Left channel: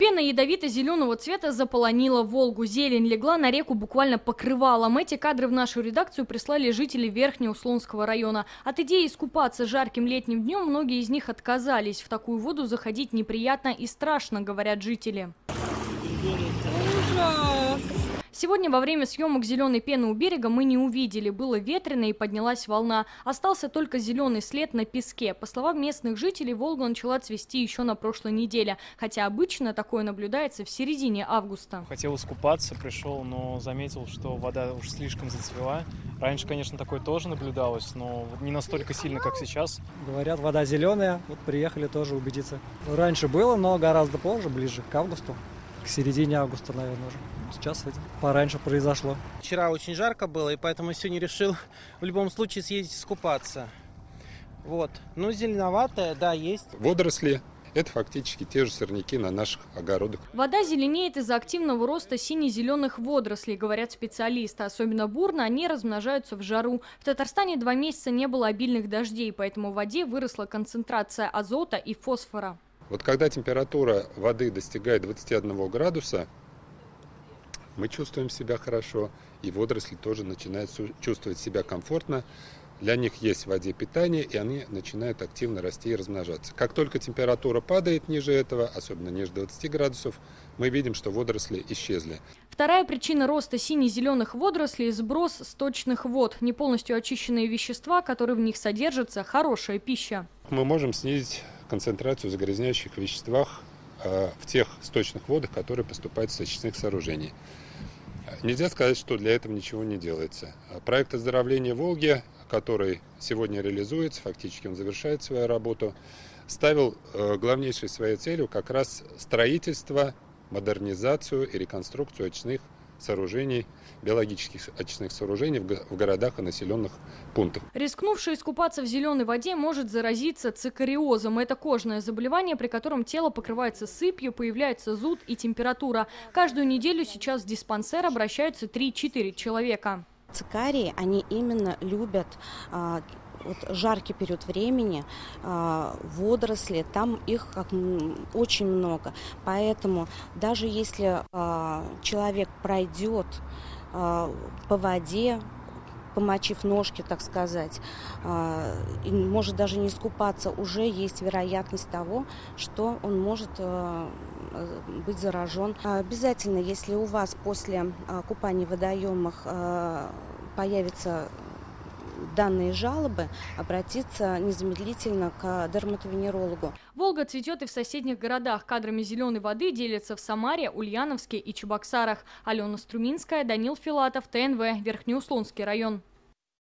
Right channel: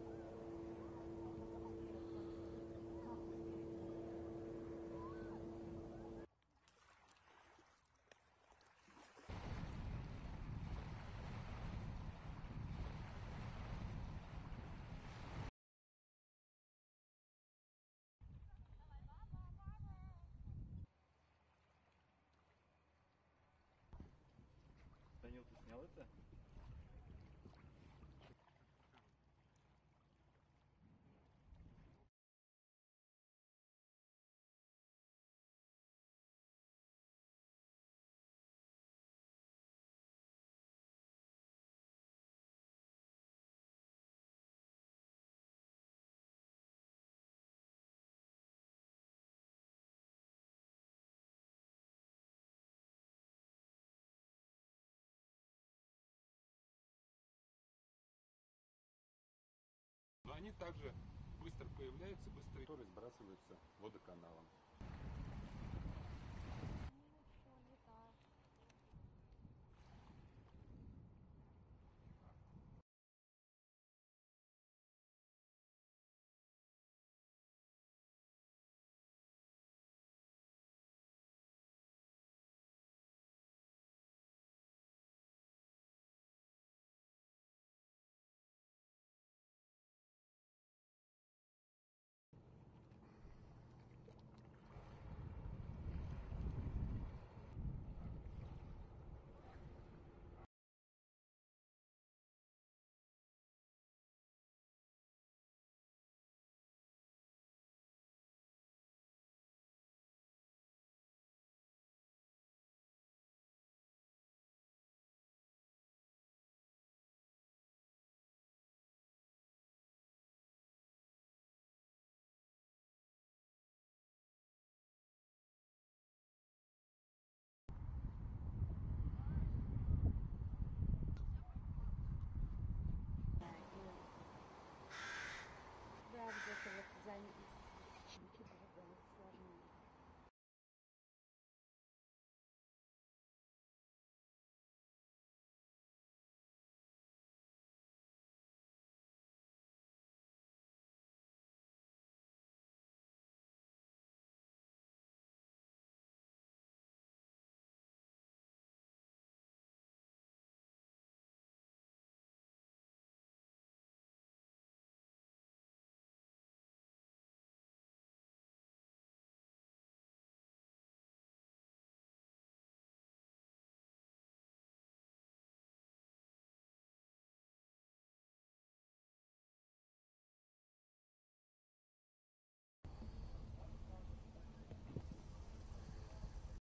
Пена ядовито-зеленого цвета заполонила Волгу. Зелень легла на реку буквально покрывалом. Эти кадры в нашу редакцию прислали жители Верхнеуслонского района. От идеи искупаться жарким летним днем многие из них отказались. В такую воду заходить неприятно и страшно, говорят жители. Ужас! Сегодня во время съемок зеленой пены у берега мы не увидели. Было ветрено и поднялась волна. Остался только зеленый след на песке. По словам местных жителей, Волга начала цвести еще на прошлой неделе. Хотя обычно такое наблюдается в середине августа. Хотел искупаться, пришел, но заметил, что вода уж слишком зацвела. Раньше, конечно, такое тоже наблюдалось, но не настолько сильно, как сейчас. Говорят, вода зеленая. Вот приехали тоже убедиться. Раньше было, но гораздо позже, ближе к августу. К середине августа, наверное, уже. Сейчас это пораньше произошло. Вчера очень жарко было, и поэтому сегодня решил в любом случае съездить искупаться. Вот. Ну, зеленоватая, да, есть. Водоросли – это фактически те же сорняки на наших огородах. Вода зеленеет из-за активного роста сине-зеленых водорослей, говорят специалисты. Особенно бурно они размножаются в жару. В Татарстане 2 месяца не было обильных дождей, поэтому в воде выросла концентрация азота и фосфора. Вот когда температура воды достигает 21 градуса, мы чувствуем себя хорошо, и водоросли тоже начинают чувствовать себя комфортно. Для них есть в воде питание, и они начинают активно расти и размножаться. Как только температура падает ниже этого, особенно ниже 20 градусов, мы видим, что водоросли исчезли. Вторая причина роста сине-зеленых водорослей – сброс сточных вод. Не полностью очищенные вещества, которые в них содержатся – хорошая пища. Мы можем снизить концентрацию загрязняющих веществах в тех сточных водах, которые поступают с очистных сооружений. Нельзя сказать, что для этого ничего не делается. Проект оздоровления Волги, который сегодня реализуется, фактически он завершает свою работу, ставил главнейшей своей целью как раз строительство, модернизацию и реконструкцию очистных сооружений, биологических очистных сооружений в городах и населенных пунктах. Рискнувший искупаться в зеленой воде может заразиться цикариозом. Это кожное заболевание, при котором тело покрывается сыпью, появляется зуд и температура. Каждую неделю сейчас в диспансер обращаются 3-4 человека. Цикарии, они именно любят вот жаркий период времени, водоросли, там их очень много. Поэтому даже если человек пройдет по воде, помочив ножки, так сказать, и может даже не искупаться, уже есть вероятность того, что он может быть заражен. Обязательно, если у вас после купания в водоемах появятся данные жалобы, обратиться незамедлительно к дерматовенерологу. Волга цветет и в соседних городах. Кадрами зеленой воды делятся в Самаре, Ульяновске и Чебоксарах. Алена Струминская, Данил Филатов, ТНВ, Верхнеуслонский район.